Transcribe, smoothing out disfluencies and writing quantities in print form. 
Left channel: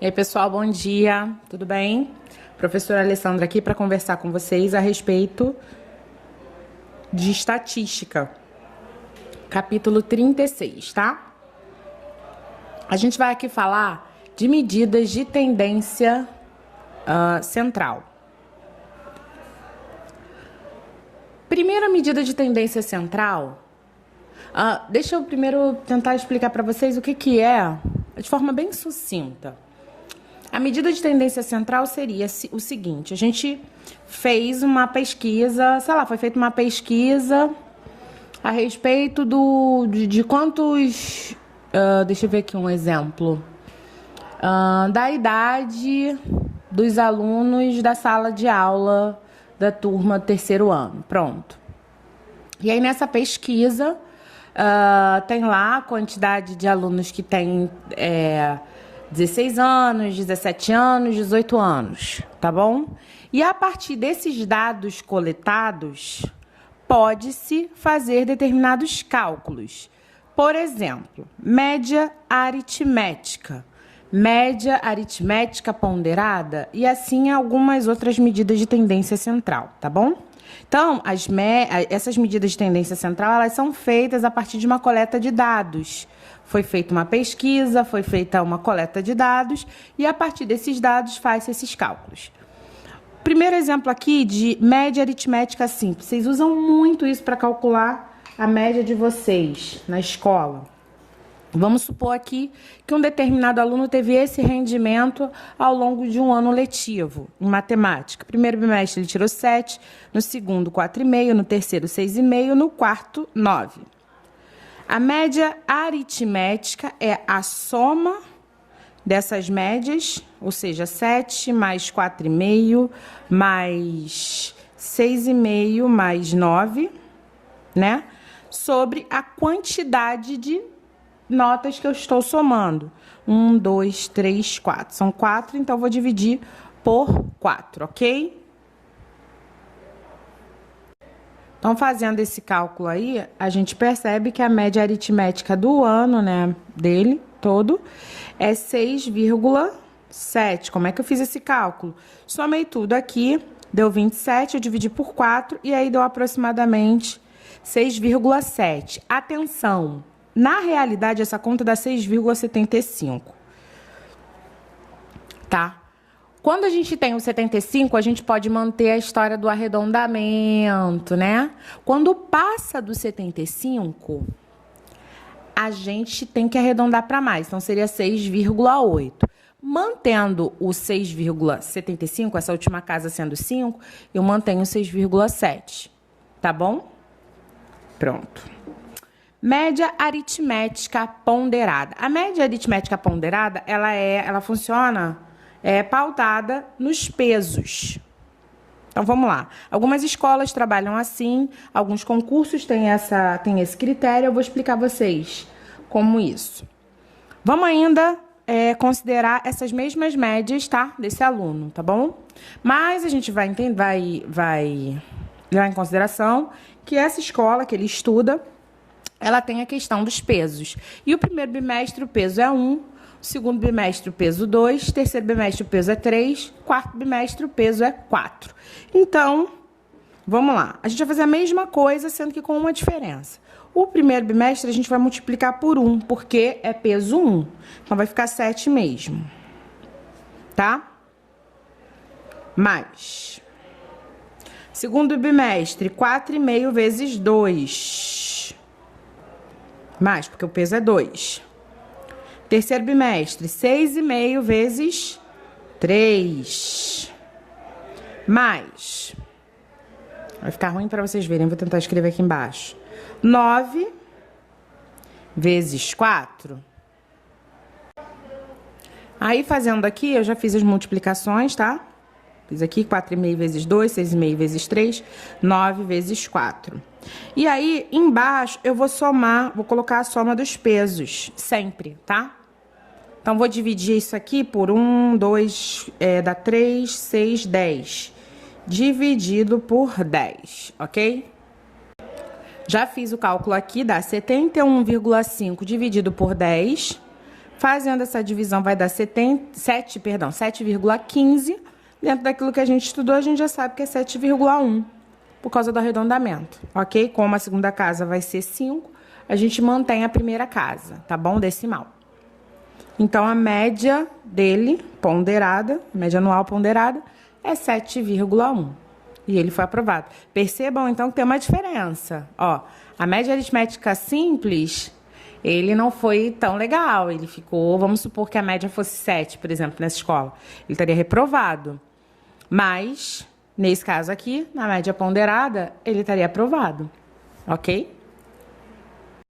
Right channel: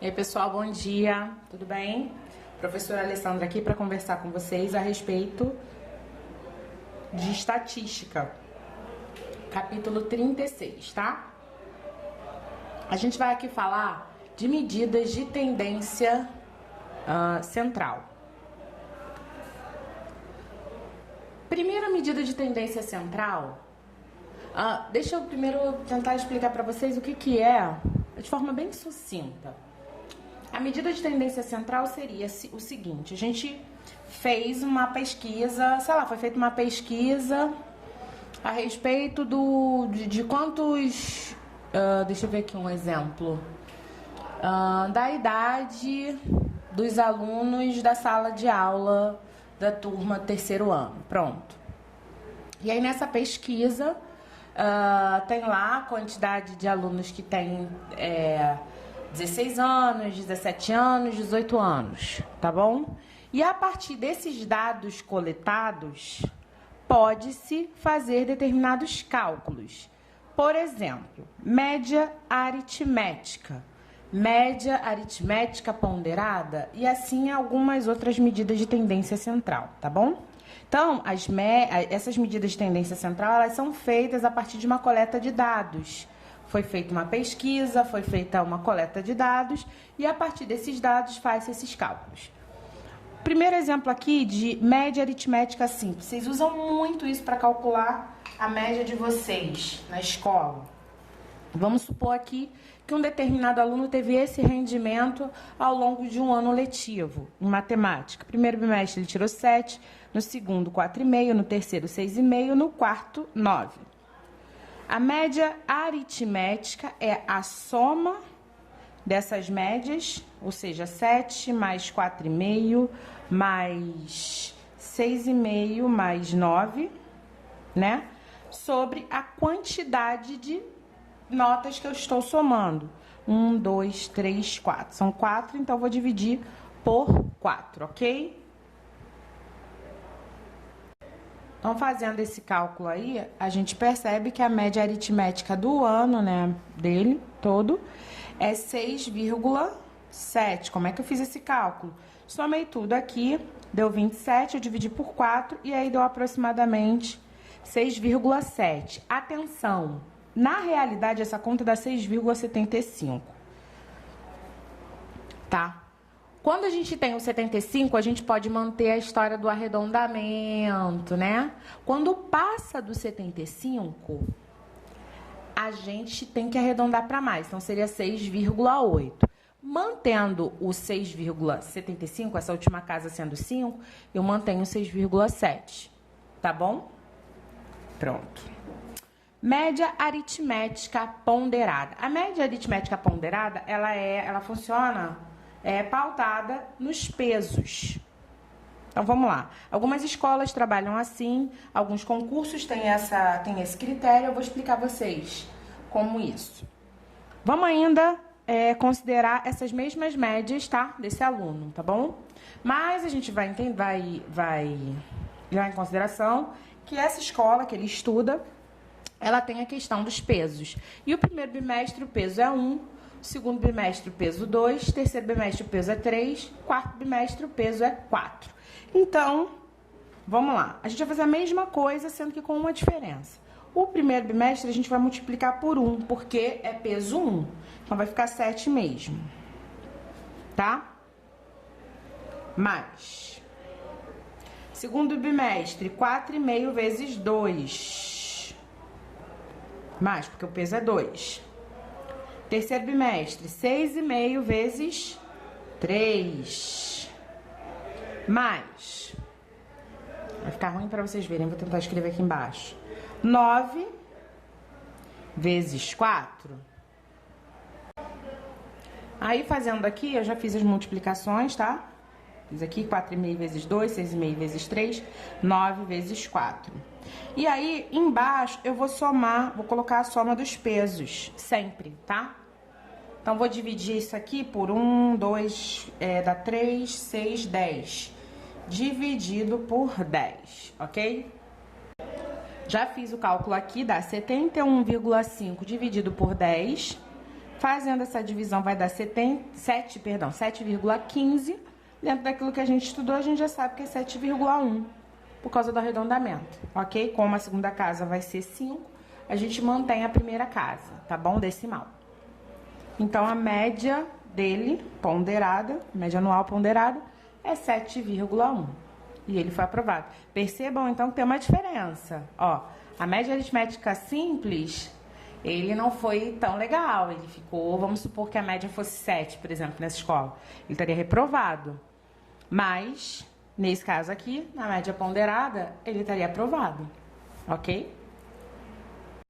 E aí, pessoal, bom dia, tudo bem? Professora Alessandra aqui para conversar com vocês a respeito de estatística, capítulo 36, tá? A gente vai aqui falar de medidas de tendência central. Primeira medida de tendência central, deixa eu primeiro tentar explicar para vocês o que é, de forma bem sucinta. A medida de tendência central seria o seguinte: a gente fez uma pesquisa, foi feita uma pesquisa a respeito de quantos, deixa eu ver aqui um exemplo, da idade dos alunos da sala de aula da turma terceiro ano, pronto. E aí nessa pesquisa tem lá a quantidade de alunos que tem 16 anos, 17 anos, 18 anos, tá bom? E a partir desses dados coletados, pode-se fazer determinados cálculos. Por exemplo, média aritmética ponderada e assim algumas outras medidas de tendência central, tá bom? Então, essas medidas de tendência central, elas são feitas a partir de uma coleta de dados. Foi feita uma pesquisa, foi feita uma coleta de dados e a partir desses dados faz-se esses cálculos. Primeiro exemplo aqui de média aritmética simples. Vocês usam muito isso para calcular a média de vocês na escola. Vamos supor aqui que um determinado aluno teve esse rendimento ao longo de um ano letivo em matemática. Primeiro bimestre ele tirou 7, no segundo 4,5, no terceiro 6,5, no quarto 9. A média aritmética é a soma dessas médias, ou seja, 7 mais 4,5 mais 6,5 mais 9, né? Sobre a quantidade de notas que eu estou somando. 1, 2, 3, 4. São 4, então vou dividir por 4, ok? Então, fazendo esse cálculo aí, a gente percebe que a média aritmética do ano, né, dele todo, é 6,7. Como é que eu fiz esse cálculo? Somei tudo aqui, deu 27, eu dividi por 4, e aí deu aproximadamente 6,7. Atenção, na realidade, essa conta dá 6,75, tá? Quando a gente tem o 75, a gente pode manter a história do arredondamento, né? Quando passa do 75, a gente tem que arredondar para mais, então seria 6,8. Mantendo o 6,75, essa última casa sendo 5, eu mantenho 6,7, tá bom? Pronto. Média aritmética ponderada. A média aritmética ponderada, ela funciona pautada nos pesos. Então, vamos lá. Algumas escolas trabalham assim, alguns concursos têm esse critério, eu vou explicar a vocês como isso. Vamos ainda considerar essas mesmas médias, tá? Desse aluno, tá bom? Mas a gente vai levar em consideração que essa escola que ele estuda, ela tem a questão dos pesos. E o primeiro bimestre o peso é 1, o segundo bimestre o peso 2, terceiro bimestre o peso é 3, quarto bimestre o peso é 4. Então, vamos lá. A gente vai fazer a mesma coisa, sendo que com uma diferença. O primeiro bimestre a gente vai multiplicar por 1, porque é peso 1. Então, vai ficar 7 mesmo. Tá? Mais. Segundo bimestre, 4,5 vezes 2. Mais, porque o peso é 2. Terceiro bimestre, 6,5 vezes 3. Mais. Vai ficar ruim para vocês verem, vou tentar escrever aqui embaixo. 9 vezes 4. Aí, fazendo aqui, eu já fiz as multiplicações, tá? Fiz aqui 4,5 vezes 2, 6,5 vezes 3, 9 vezes 4. E aí, embaixo, eu vou somar, vou colocar a soma dos pesos, sempre, tá? Então, vou dividir isso aqui por 1, 2, dá 3, 6, 10. Dividido por 10, ok? Já fiz o cálculo aqui, dá 71,5 dividido por 10, Fazendo essa divisão vai dar 7,15. Dentro daquilo que a gente estudou, a gente já sabe que é 7,1 por causa do arredondamento, ok? Como a segunda casa vai ser 5, a gente mantém a primeira casa, tá bom? Decimal. Então, a média dele, ponderada, a média anual ponderada, é 7,1. E ele foi aprovado. Percebam, então, que tem uma diferença. Ó, a média aritmética simples, ele não foi tão legal. Ele ficou, vamos supor que a média fosse 7, por exemplo, nessa escola. Ele estaria reprovado. Mas, nesse caso aqui, na média ponderada, ele estaria aprovado. Ok?